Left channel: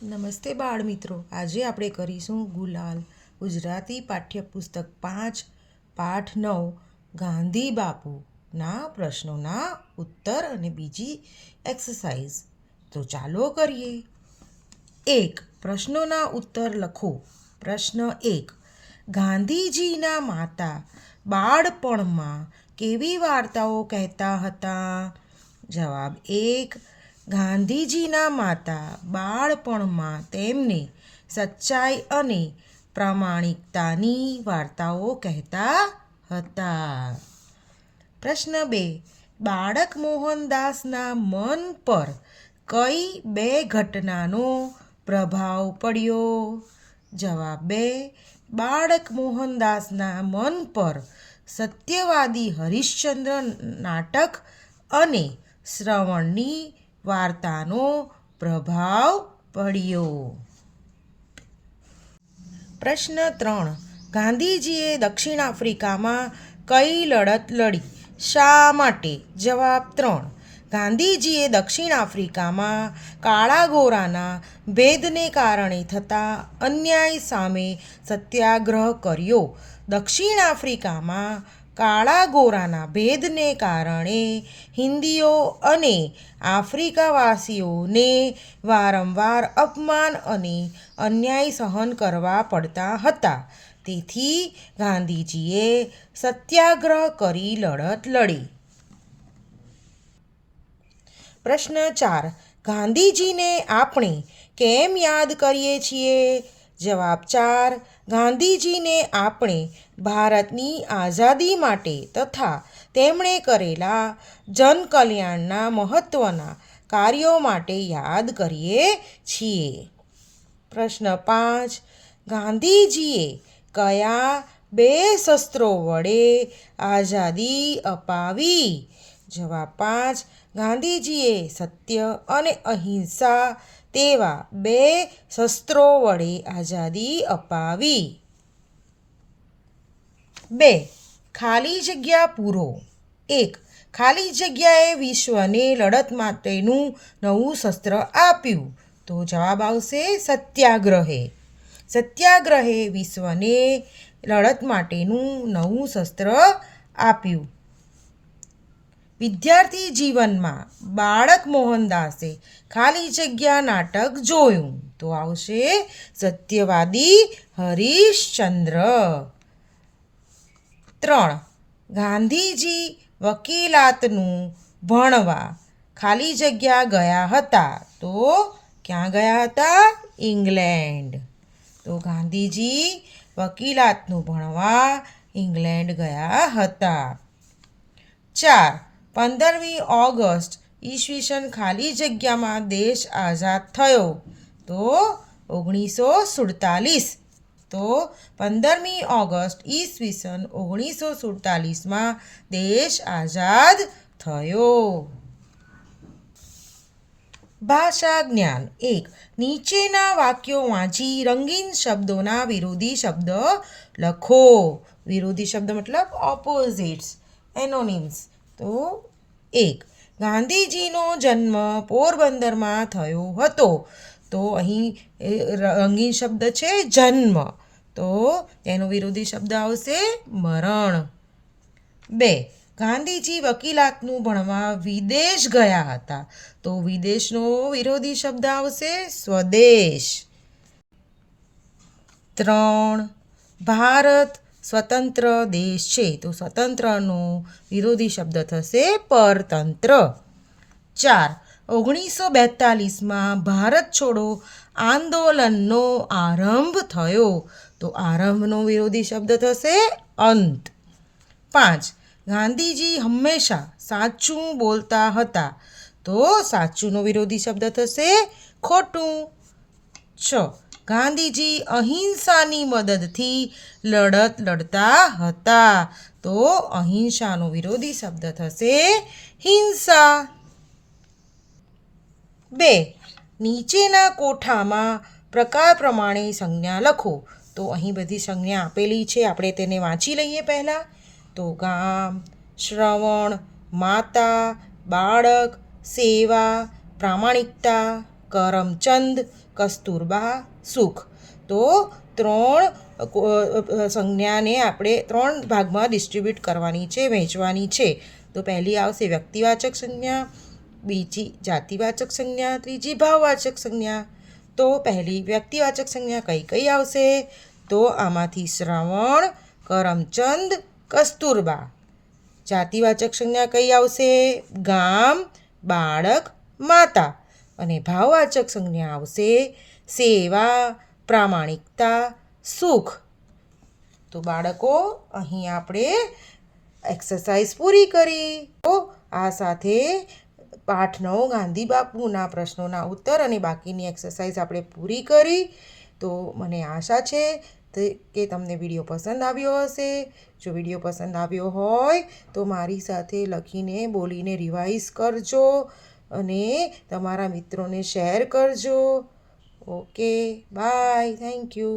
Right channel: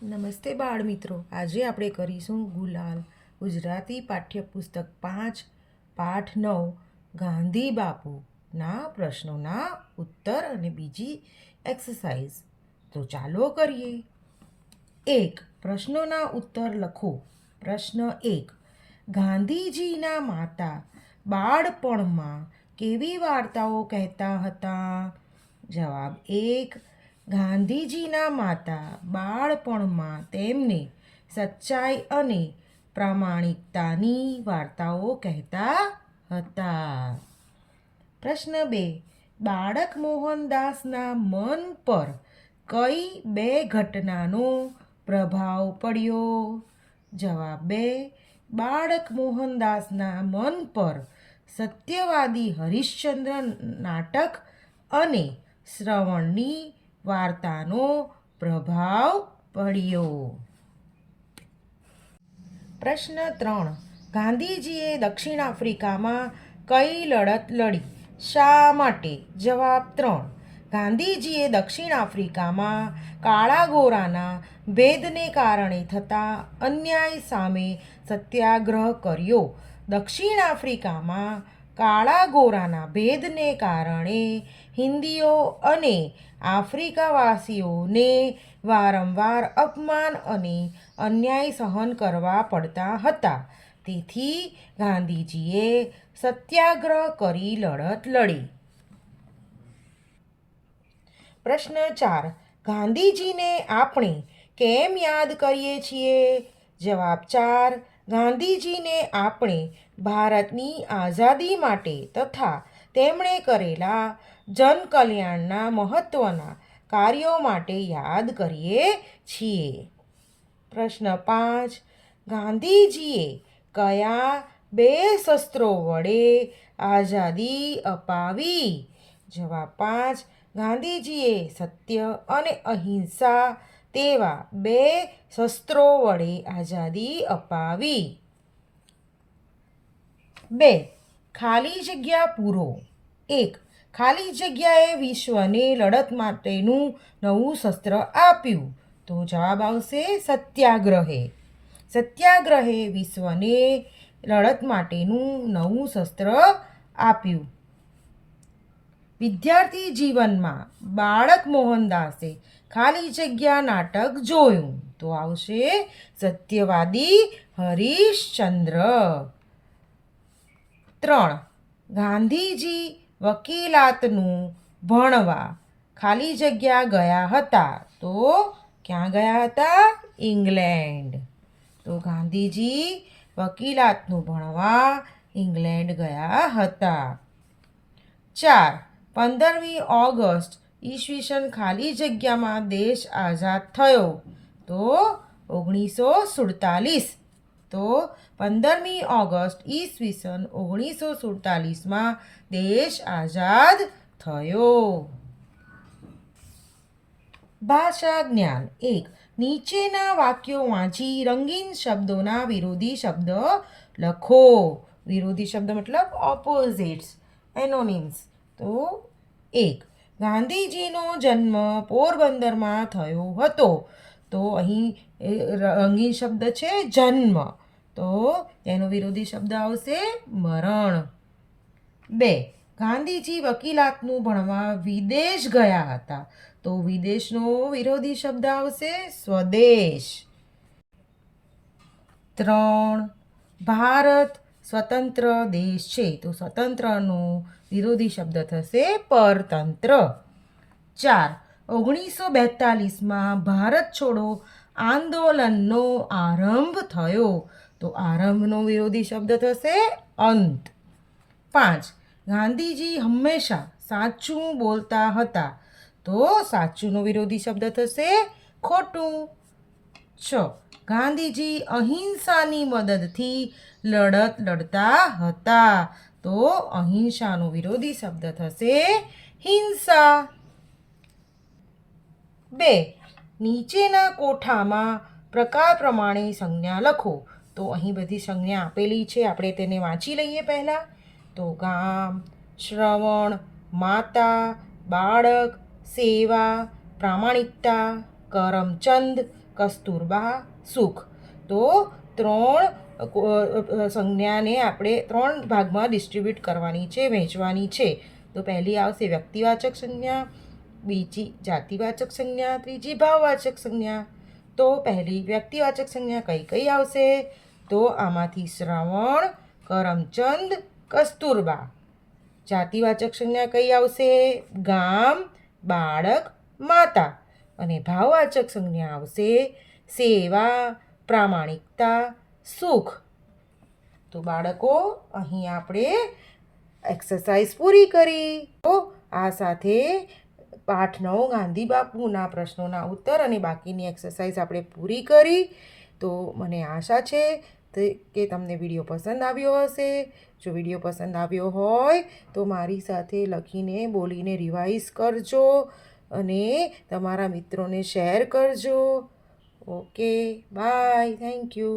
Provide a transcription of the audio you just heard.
નમસ્તે બાળ મિત્રો, આજે આપણે કરીશું ગુલાલ ગુજરાતી પાઠ્યપુસ્તક 5 પાઠ 9 ગાંધી બાપુના પ્રશ્નોના ઉત્તર અને બીજી એક્સરસાઇઝ. તો ચાલો કરીએ. 1. પ્રશ્નોના ઉત્તર લખો. પ્રશ્ન 1. ગાંધીજીના માતા બાળપણમાં કેવી વાર્તાઓ કહેતા હતા? જવાબ 1. ગાંધીજીના માતા બાળપણમાં તેમને સચ્ચાઈ અને પ્રામાણિકતાની વાર્તાઓ કહેતા હતા. પ્રશ્ન 2. બાળક મોહનદાસના મન પર કઈ 2 ઘટનાનો પ્રભાવ પડ્યો? જવાબ 2. બાળક મોહનદાસના મન પર સત્યવાદી હરિશ્ચંદ્ર નાટક અને શ્રવણની વાર્તાનો પ્રભાવ પડ્યો. પ્રશ્ન 3. ગાંધીજીએ દક્ષિણ આફ્રિકામાં કઈ લડત લડી? શા માટે? જવાબ 3. ગાંધીજીએ દક્ષિણ આફ્રિકામાં કાળા ગોરાના ભેદને કારણે થતા અન્યાય સામે સત્યાગ્રહ કર્યો. દક્ષિણ આફ્રિકામાં કાળા ગોરાના ભેદને કારણે હિન્દીઓ અને આફ્રિકાવાસીઓને વારંવાર અપમાન અને અન્યાય સહન કરવા પડતા હતા. તેથી ગાંધીજીએ સત્યાગ્રહ કરી લડત લડી. પ્રશ્ન 4. ગાંધીજીને આપણે કેમ યાદ કરીએ છીએ? જવાબ 4. ગાંધીજીને આપણે ભારતની આઝાદી માટે તથા તેમણે કરેલા જનકલ્યાણના મહત્ત્વના કાર્યો માટે યાદ કરીએ છીએ. પ્રશ્ન 5. ગાંધીજીએ કયા 2 શસ્ત્રો વડે આઝાદી અપાવી? જવાબ 5. ગાંધીજીએ સત્ય અને અહિંસા તેવા 2 શસ્ત્રો વડે આઝાદી અપાવી. 2. ખાલી જગ્યા પૂરો. 1. ખાલી જગ્યાએ વિશ્વને લડત માટેનું નવું શસ્ત્ર આપ્યું. તો જવાબ આવશે સત્યાગ્રહે. સત્યાગ્રહે વિશ્વને લડત માટેનું નવું શસ્ત્ર આપ્યું. વિદ્યાર્થી જીવનમાં બાળક મોહનદાસે ખાલી જગ્યા નાટક જોયું. તો આવશે સત્યવાદી હરિશ્ચંદ્ર. 3. ગાંધીજી વકીલાતનું ભણવા ખાલી જગ્યા ગયા હતા. તો ક્યાં ગયા હતા? ઇંગ્લેન્ડ. તો ગાંધીજી વકીલાતનું ભણવા ઇંગ્લેન્ડ ગયા હતા. 4. 15મી ઓગસ્ટ ઈસવીસન ખાલી જગ્યામાં દેશ આઝાદ થયો. તો 1947. તો 15મી ઓગસ્ટ ઈસવીસન 1947માં દેશ આઝાદ થયો. ભાષા જ્ઞાન. 1. નીચેના વાક્યો વાંચી રંગીન શબ્દોના વિરોધી શબ્દ લખો. વિરોધી શબ્દ મતલબ ઓપોઝિટ્સ, એનોનિમ્સ. તો 1. ગાંધીજીનો જન્મ પોરબંદરમાં થયો હતો. તો અહીં રંગીન શબ્દ છે જન્મ. તો તેનો વિરોધી શબ્દ આવશે મરણ. 2. ગાંધીજી વકીલાતનું ભણવા વિદેશ ગયા હતા. તો વિદેશનો વિરોધી શબ્દ આવશે સ્વદેશ. 3. ભારત સ્વતંત્ર દેશ છે. તો સ્વતંત્રનો વિરોધી શબ્દ થશે પરતંત્ર. 4. 1942માં ભારત છોડો આંદોલનનો આરંભ થયો. તો આરંભનો વિરોધી શબ્દ થશે અંત. 5. ગાંધીજી હંમેશા સાચું બોલતા હતા. તો સાચુંનો વિરોધી શબ્દ થશે ખોટું. 6. ગાંધીજી અહિંસાની મદદથી લડત લડતા હતા. તો અહિંસાનો વિરોધી શબ્દ થશે હિંસા. 2. નીચેના કોઠામાં પ્રકાર પ્રમાણે સંજ્ઞા લખો. તો અહીં બધી સંજ્ઞા આપેલી છે, આપણે તેને વાંચી લઈએ પહેલાં. તો ગામ, શ્રવણ, માતા, બાળક, સેવા, પ્રામાણિકતા, કરમચંદ, કસ્તુરબા સુખ. તો 3 સંજ્ઞાને આપણે 3 ભાગમાં ડિસ્ટ્રીબ્યુટ કરવાની છે, વહેંચવાની છે. તો પહેલી આવશે વ્યક્તિવાચક સંજ્ઞા, બીજી જાતિવાચક સંજ્ઞા, ત્રીજી ભાવવાચક સંજ્ઞા. તો પહેલી વ્યક્તિવાચક સંજ્ઞા કઈ કઈ આવશે? તો આમાંથી શ્રવણ, કરમચંદ, કસ્તુરબા. જાતિવાચક સંજ્ઞા કઈ આવશે? ગામ, બાળક, માતા. અને ભાવવાચક સંજ્ઞા આવશે સેવા, પ્રામાણિકતા, સુખ. તો બાળકો, અહીં આપણે એક્સરસાઇઝ પૂરી કરી. તો આ સાથે પાઠ 9 ગાંધી બાપુના પ્રશ્નોના ઉત્તર અને બાકીની એક્સરસાઇઝ આપણે પૂરી કરી. તો મને આશા છે કે તમને વિડીયો પસંદ આવ્યો હશે. જો વિડીયો પસંદ આવ્યો હોય તો મારી સાથે લખીને બોલીને રિવાઇઝ કરજો અને તમારા મિત્રોને શેર કરજો. Okay, bye, thank you.